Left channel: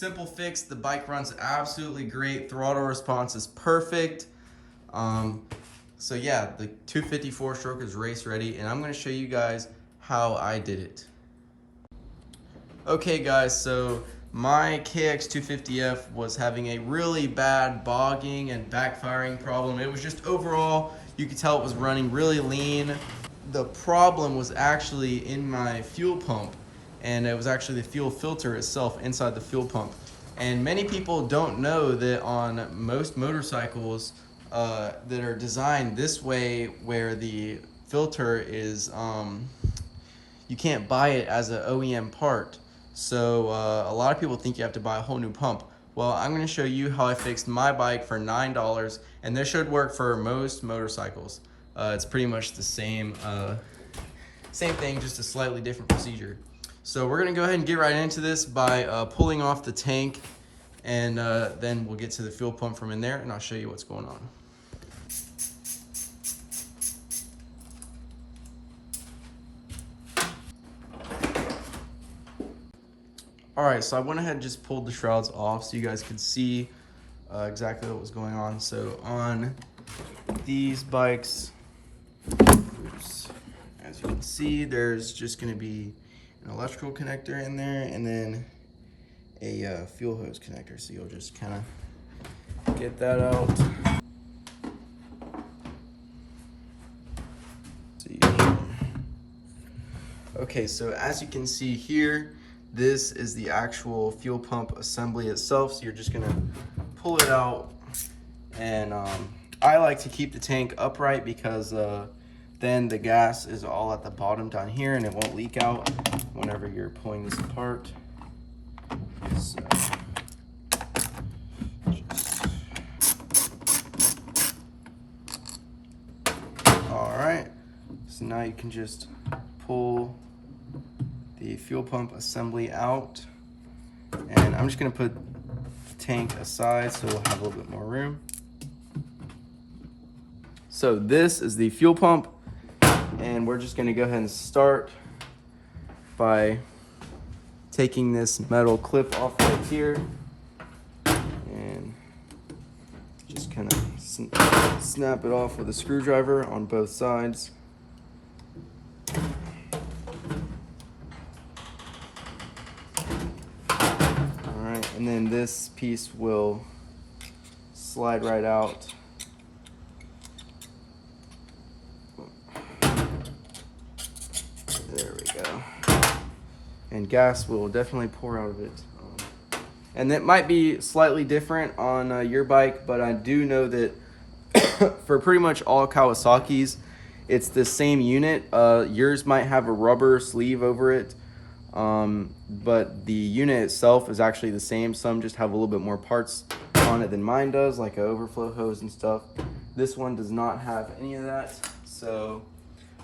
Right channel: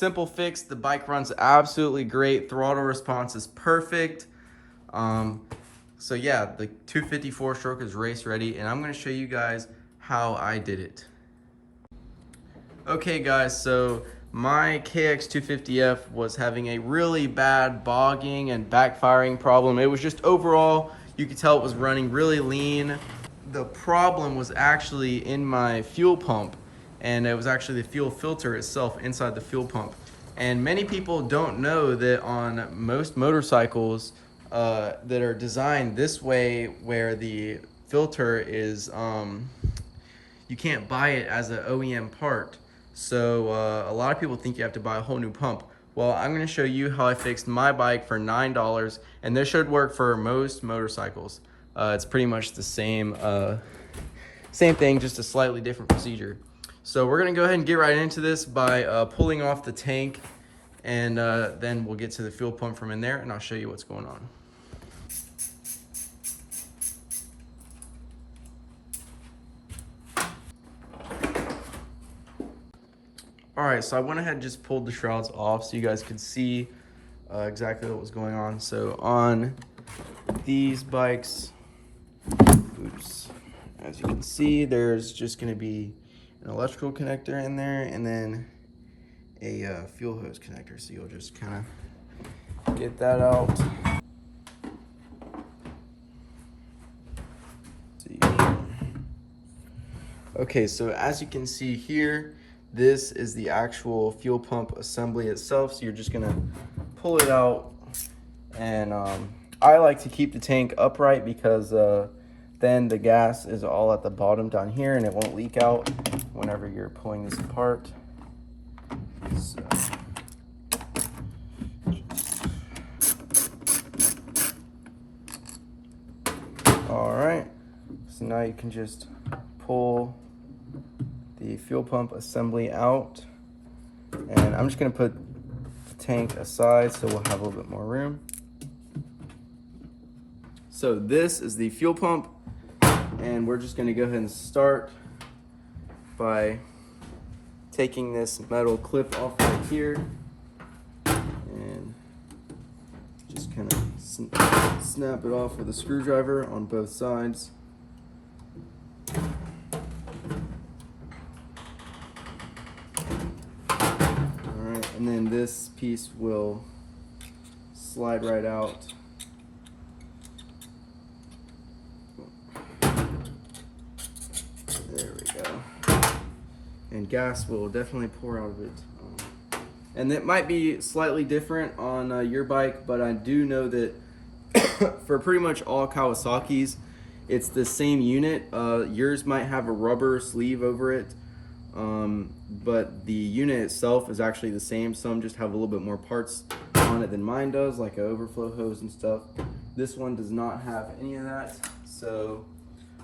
simple fix. The bike runs absolutely great. Throttle response is perfect. So yeah, the 254 stroke is race ready, and I'm gonna show you guys how I did it. Okay guys, so my KX250F was having a really bad bogging and backfiring problem. It was just overall, you could tell it was running really lean. The problem was actually in my fuel pump, and it was actually the fuel filter itself inside the fuel pump. And many people don't know that on most motorcycles that are designed this way, where the filter is, you can't buy it as an OEM part. So a lot of people think you have to buy a whole new pump. Well, I'm gonna show you how I fixed my bike for $9, and this should work for most motorcycles. It's pretty much the same thing, just a slightly different procedure. So we're gonna go ahead and get right into this by pulling off the tank, and then we'll get to the fuel pump from in there, and I'll show you what's going on. All right, so I went ahead and just pulled the shrouds off so you guys could see exactly what was going on. So on these bikes, as you can see, there's just gonna be an electrical connector in there and then a fuel hose connector. So you'll just kind of get that out. Okay, so as you can see here, this is the actual fuel pump assembly itself. So you're just gonna pull it out, and I like to keep the tank upright because then the gas is all at the bottom down here and it won't leak out whenever you're pulling this apart. So all right, so now you can just pull the fuel pump assembly out, and I'm just gonna put the tank aside so we'll have a little bit more room. So this is the fuel pump, and we're just gonna go ahead and start by taking this metal clip off right here and just kind of snap it off with a screwdriver on both sides. And then this piece will slide right out. There we go. And gas will definitely pour out of it. And it might be slightly different on your bike, but I do know that for pretty much all Kawasaki's, it's the same unit. Yours might have a rubber sleeve over it. But the unit itself is actually the same. Some just have a little bit more parts on it than mine does, like an overflow hose and stuff. This one does not have any of that. So,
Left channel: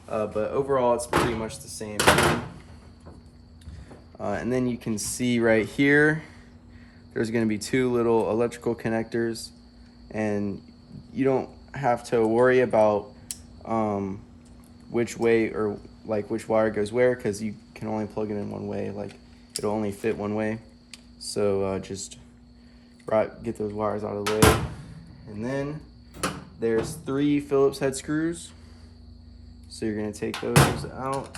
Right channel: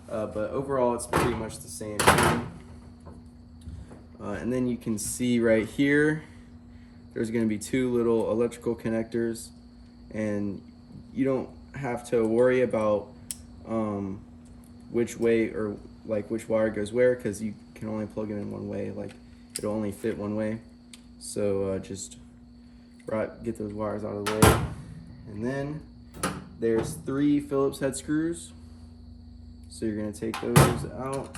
but overall it's pretty much the same thing. And then you can see right here, there's going to be two little electrical connectors, and you don't have to worry about which way or like which wire goes where, because you can only plug it in one way. Like it'll only fit one way. So just get those wires out of the way. And then there's 3 Phillips head screws. So you're gonna take those out.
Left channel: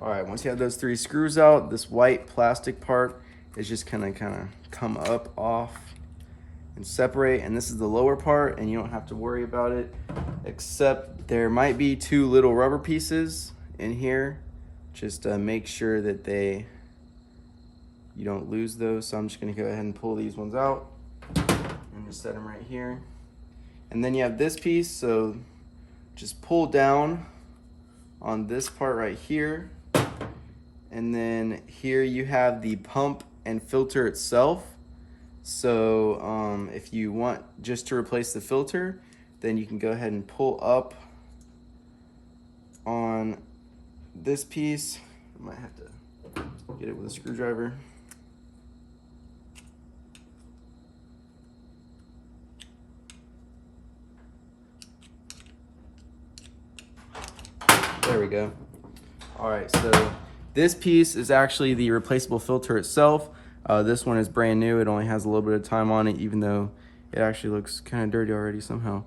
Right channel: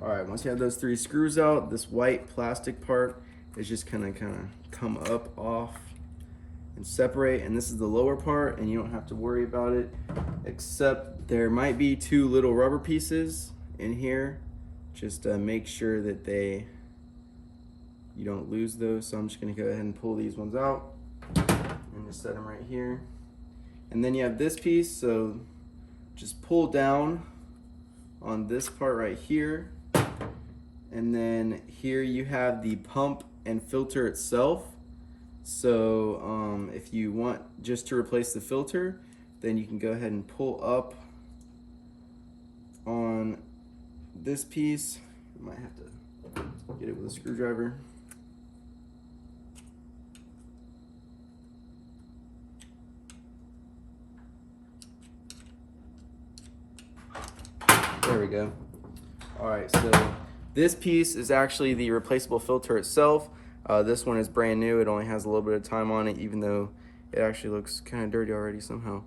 All right, once you have those 3 screws out, this white plastic part is just gonna kind of come up off and separate, and this is the lower part, and you don't have to worry about it, except there might be 2 little rubber pieces in here. Just make sure that you don't lose those. So I'm just gonna go ahead and pull these ones out and just set them right here. And then you have this piece, so just pull down on this part right here, and then here you have the pump and filter itself. So if you want just to replace the filter, then you can go ahead and pull up on this piece. You might have to get it with a screwdriver. There we go. All right, so This piece is actually the replaceable filter itself. This one is brand new. It only has a little bit of time on it, even though it actually looks kind of dirty already somehow.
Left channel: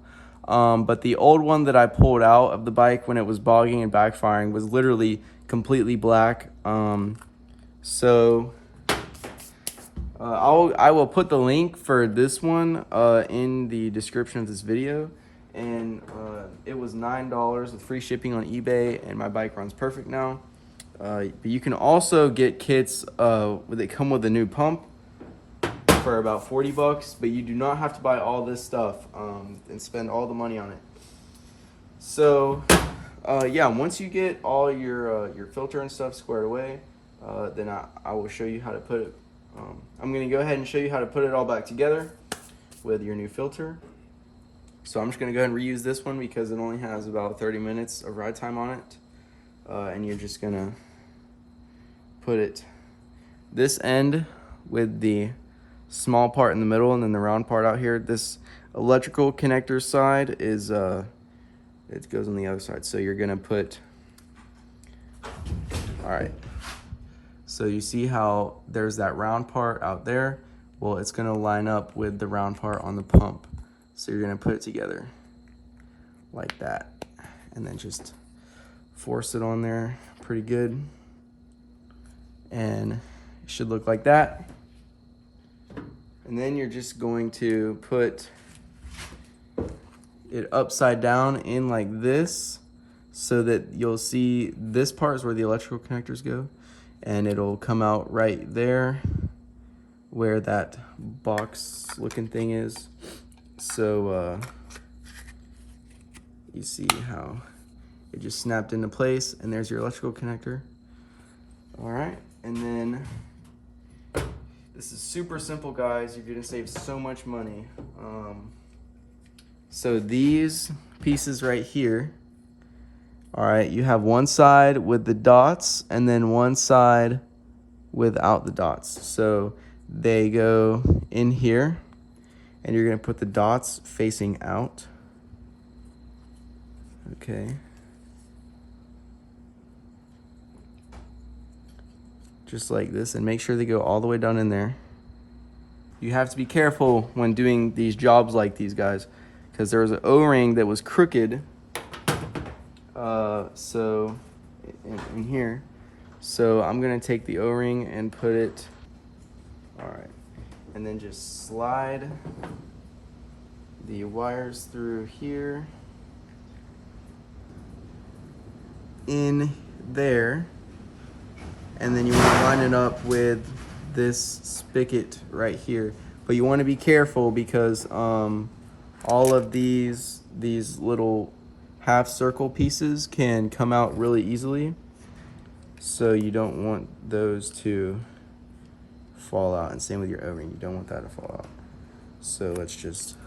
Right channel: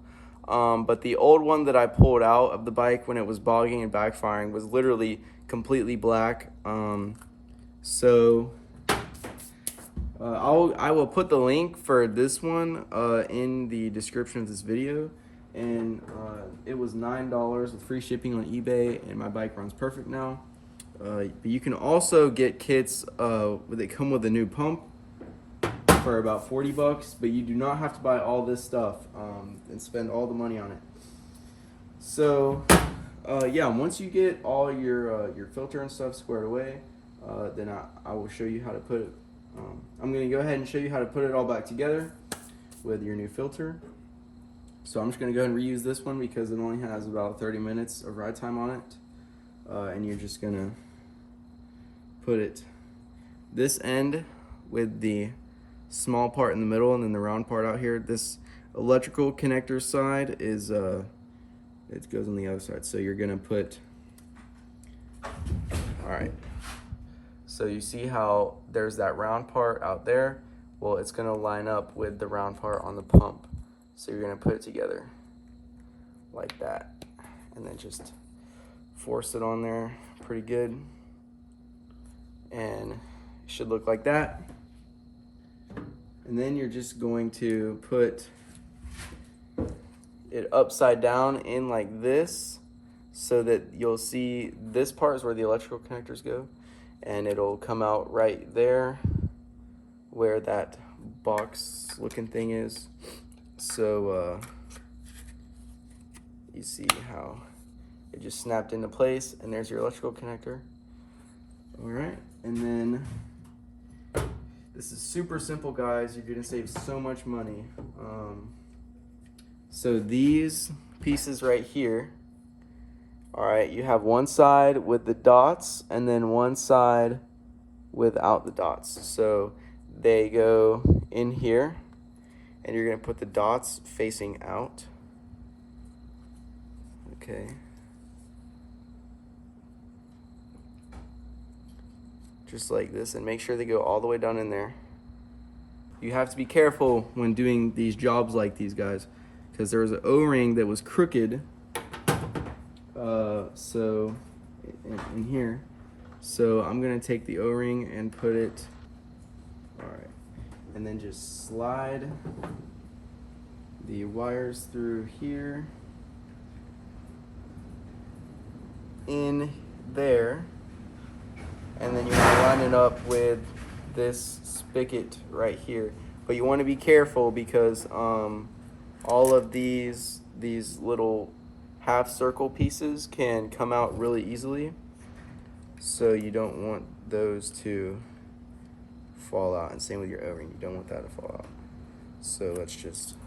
But the old one that I pulled out of the bike when it was bogging and backfiring was literally completely black. I will put the link for this one in the description of this video. And it was $9 with free shipping on eBay, and my bike runs perfect now. But you can also get kits that come with a new pump for about 40 bucks, but you do not have to buy all this stuff and spend all the money on it. So yeah, once you get all your filter and stuff squared away, then I will show you how to put it. I'm going to go ahead and show you how to put it all back together with your new filter. So I'm just going to go ahead and reuse this one because it only has about 30 minutes of ride time on it. And you're just going to put it this end with the small part in the middle and then the round part out here. This electrical connector side is, it goes on the other side. So you're going to put, all right. So you see how there's that round part out there? Well, it's gonna line up with the round part on the pump. So you're gonna put it together like that. And then just force it on there pretty good. And it should look like that. And then you're just going to put it upside down in like this so that you'll see this part is where the electrical connectors go. And it'll come out right there where that box looking thing is. So you see how it just snapped into place, and there's your electrical connector. All right, and then this is super simple, guys. You're gonna save so much money. So these pieces right here, all right, you have one side with the dots and then one side without the dots. So they go in here, and you're gonna put the dots facing out. Okay. Just like this, and make sure they go all the way down in there. You have to be careful when doing these jobs like these, guys, because there was an O-ring that was crooked. So in here, so I'm gonna take the O-ring and put it, all right, and then just slide the wires through here in there, and then you want to line it up with this spigot right here. But you want to be careful because all of these little half circle pieces can come out really easily, so you don't want those to fall out. And same with your O-ring, you don't want that to fall out. So let's just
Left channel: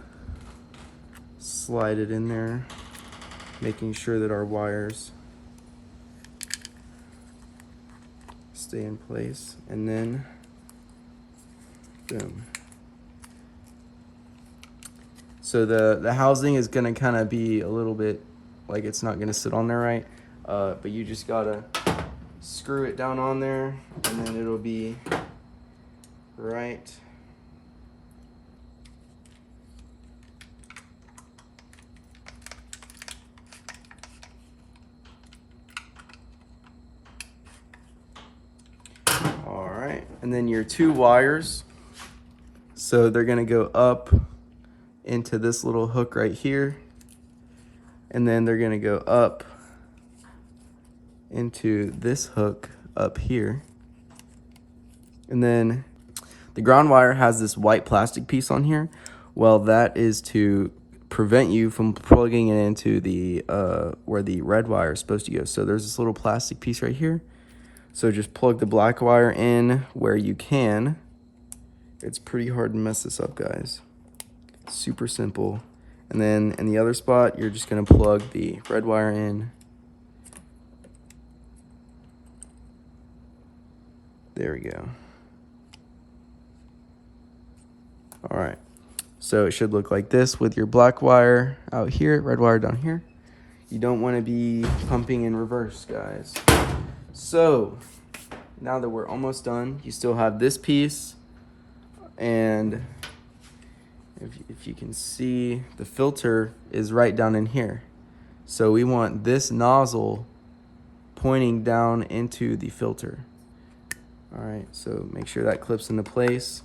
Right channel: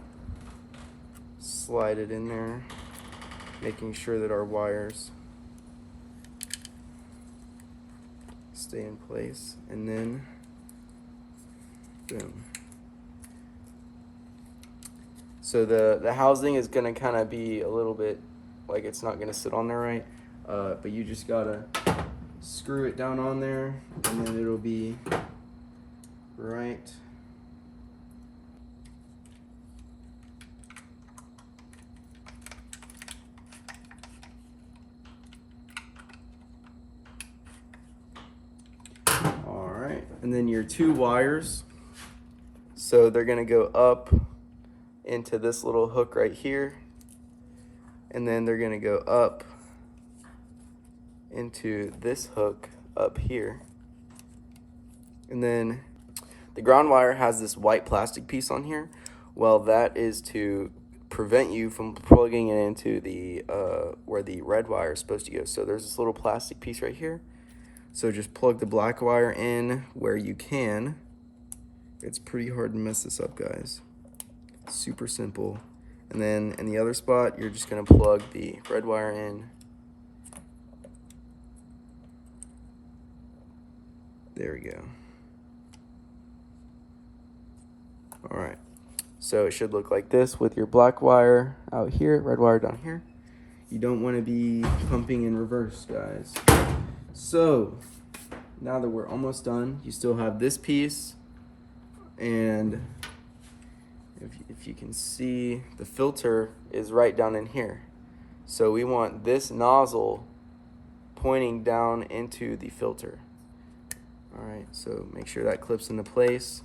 slide it in there, making sure that our wires stay in place, and then boom. So the housing is gonna kind of be a little bit like it's not gonna sit on there right, but you just gotta screw it down on there, and then it'll be right. All right, and then your two wires, so they're gonna go up into this little hook right here, and then they're gonna go up into this hook up here. And then the ground wire has this white plastic piece on here. Well, that is to prevent you from plugging it into the where the red wire is supposed to go. So there's this little plastic piece right here. So just plug the black wire in where you can. It's pretty hard to mess this up, guys. Super simple. And then in the other spot, you're just gonna plug the red wire in. There we go. All right, so it should look like this with your black wire out here, red wire down here. You don't want to be pumping in reverse, guys. So now that we're almost done, you still have this piece, and if you can see, the filter is right down in here. So we want this nozzle pointing down into the filter. All right, so make sure that clips into place.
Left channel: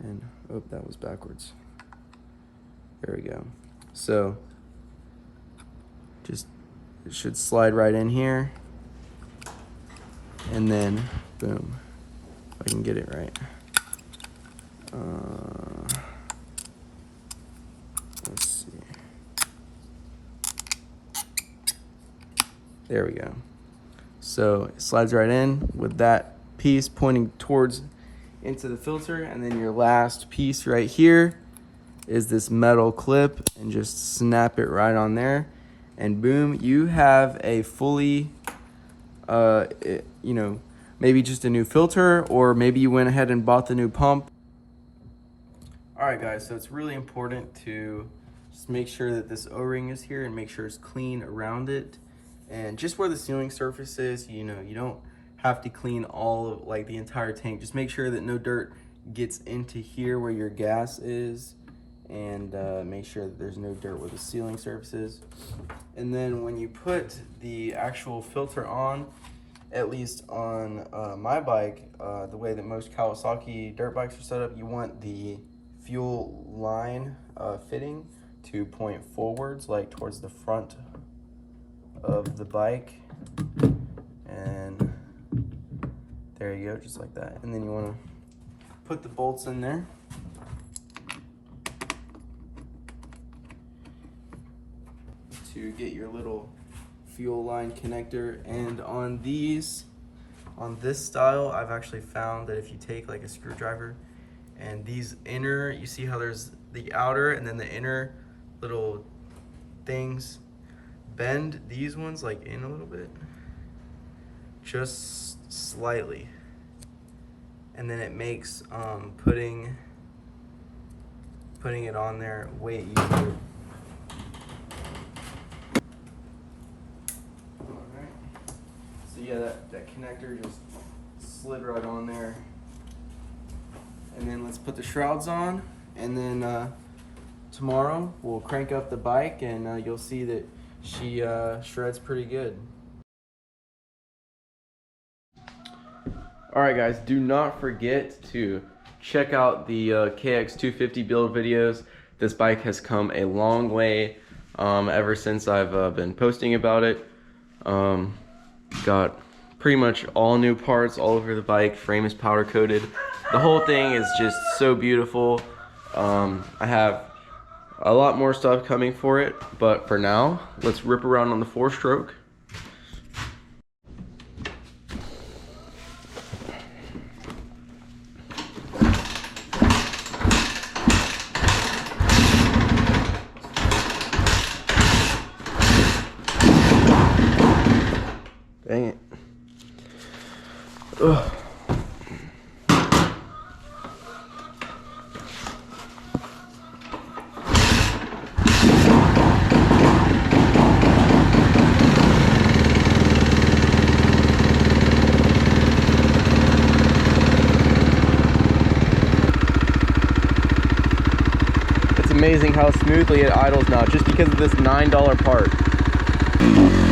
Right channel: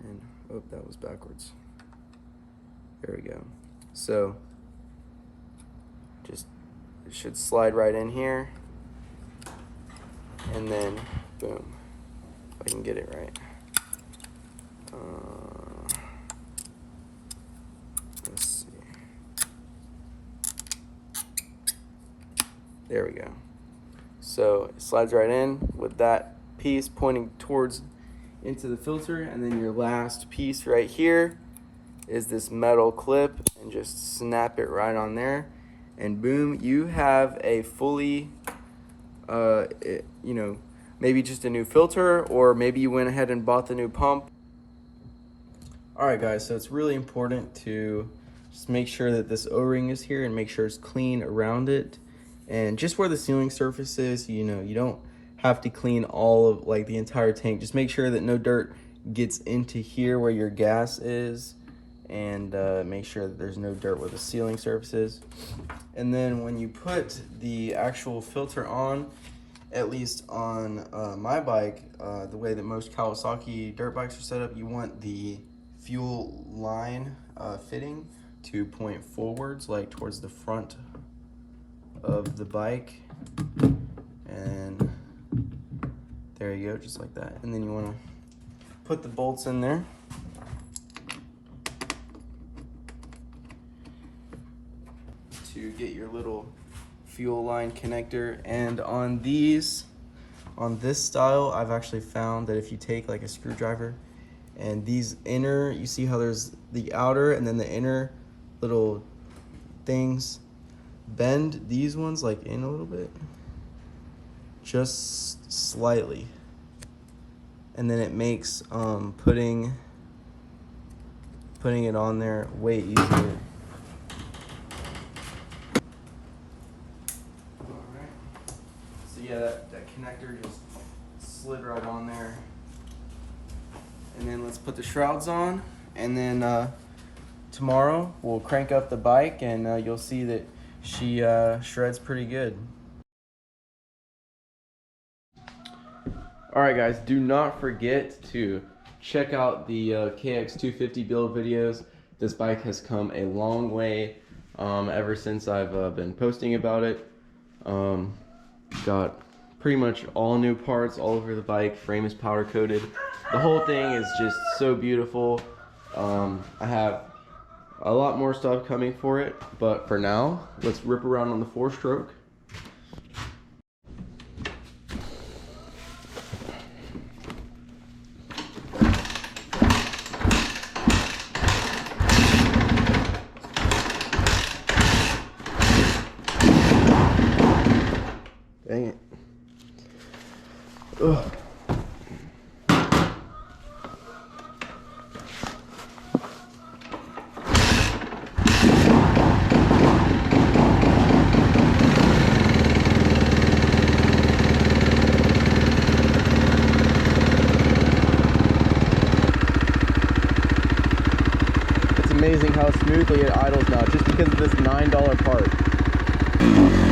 And, oh, that was backwards. There we go. So just, it should slide right in here. And then, boom, if I can get it right. Let's see. There we go. So it slides right in with that piece pointing towards into the filter, and then your last piece right here is this metal clip, and just snap it right on there, and boom, you have a fully you know, maybe just a new filter, or maybe you went ahead and bought the new pump. All right guys, so it's really important to just make sure that this O-ring is here and make sure it's clean around it. And just where the sealing surface is, you know, you don't have to clean all of, like, the entire tank. Just make sure that no dirt gets into here where your gas is, and make sure that there's no dirt where the sealing surface is. And then when you put the actual filter on, at least on my bike, the way that most Kawasaki dirt bikes are set up, you want the fuel line fitting to point forwards, like towards the front of the bike. And there you go, just like that. And then you want to put the bolts in there. To get your little fuel line connector. And on these, on this style, I've actually found that if you take like a screwdriver and these inner, you see how there's the outer and then the inner little things, bend these ones like in a little bit, just slightly, and then it makes putting it on there way easier. Yeah, that connector just slid right on there. And then let's put the shrouds on, and then tomorrow we'll crank up the bike, and you'll see that she shreds pretty good. Alright guys, do not forget to check out the KX250 build videos. This bike has come a long way ever since I've been posting about it. Got pretty much all new parts all over the bike. Frame is powder coated. The whole thing is just so beautiful. I have a lot more stuff coming for it, but for now, let's rip around on the 4-stroke. Dang it. Ugh. It's amazing how smoothly it idles now, just because of this $9 part.